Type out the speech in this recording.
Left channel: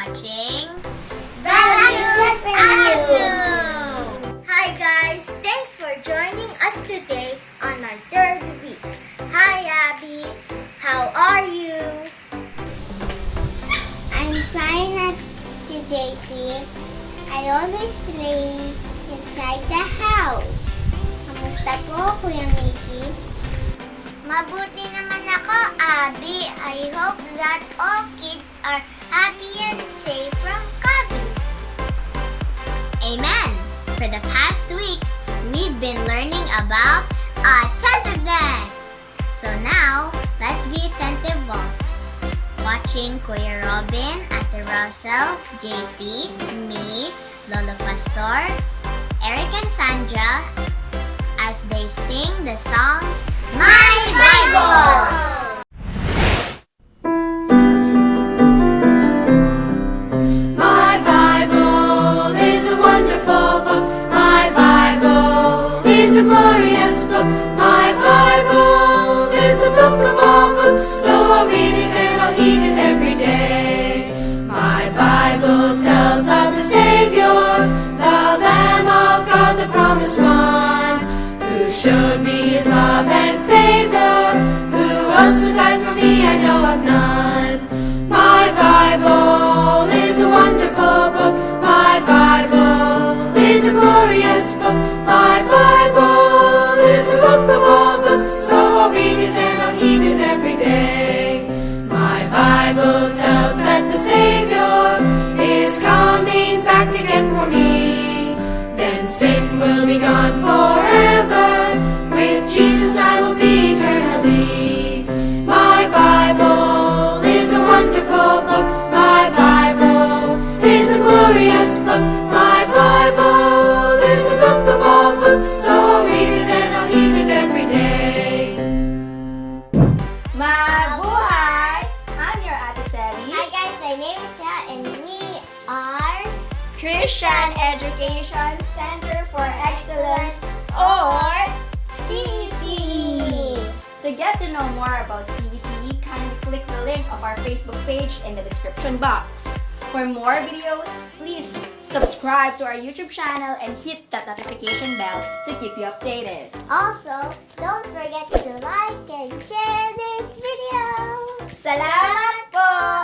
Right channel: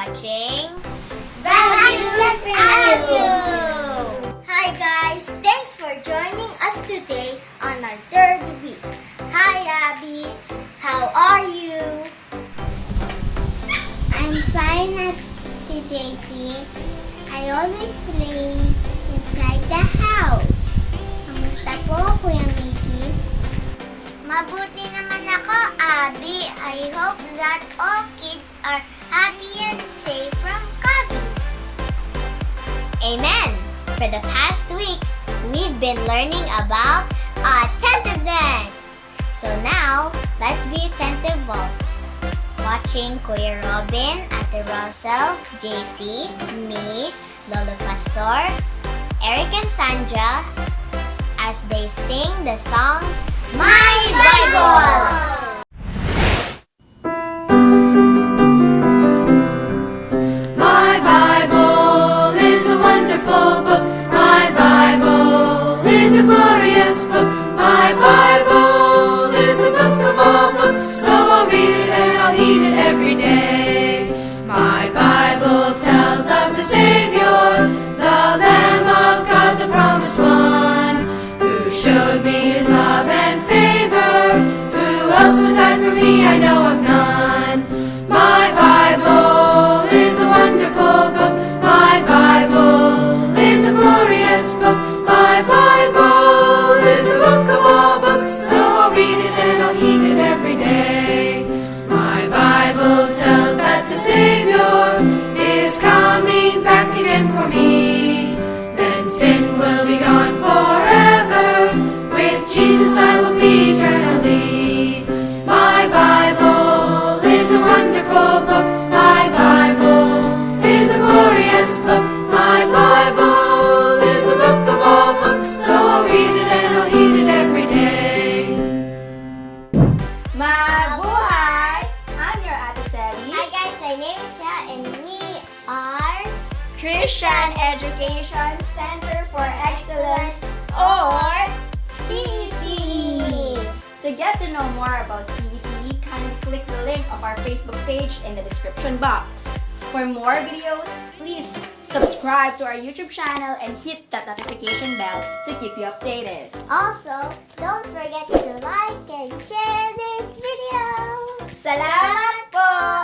watching Doctrines. Hi guys! Thanks for joining us today on our third week. Hi Abby! How are you? I'm fine at JC. I always play inside the house. Kamusta po, Kuya Mickey? Mabuti naman ako, Abby. I hope that all kids are happy and safe from COVID. Amen! For the past weeks, we've been learning about attentiveness. So now, let's be attentive while watching Kuya Robin, Ate Russell, JC, me, Lolo Pastor, Eric and Sandra as they sing the song My Bible! My Bible is a wonderful book. My Bible is a glorious book. My Bible is the book of all books. So I'll read it and I'll heed it every day. My Bible tells of the Savior, the Lamb of God, the promised one, who showed me his love and favor. Who else would die for me? I know of none. My Bible is a wonderful book. My Bible is a glorious book. My Bible is the book of all books. So I'll read it and I'll heed it every day. My Bible tells that the Savior is coming back again for me. Then sin will be gone forever. With Jesus I will be eternally. My Bible is a wonderful book. My Bible is a glorious book. My Bible is the book of all books. So I'll read it and I'll heed it every day. Mabuhay! I'm your Ate Telly, Hi guys, my name is Sha and we are Christian Education Center for Excellence, or CECE. To get to know more about CECE, kindly click the link of our Facebook page in the description box. For more videos, please subscribe to our YouTube channel and hit that notification bell to keep you updated. Also, don't forget to like and share this video. Salamat po!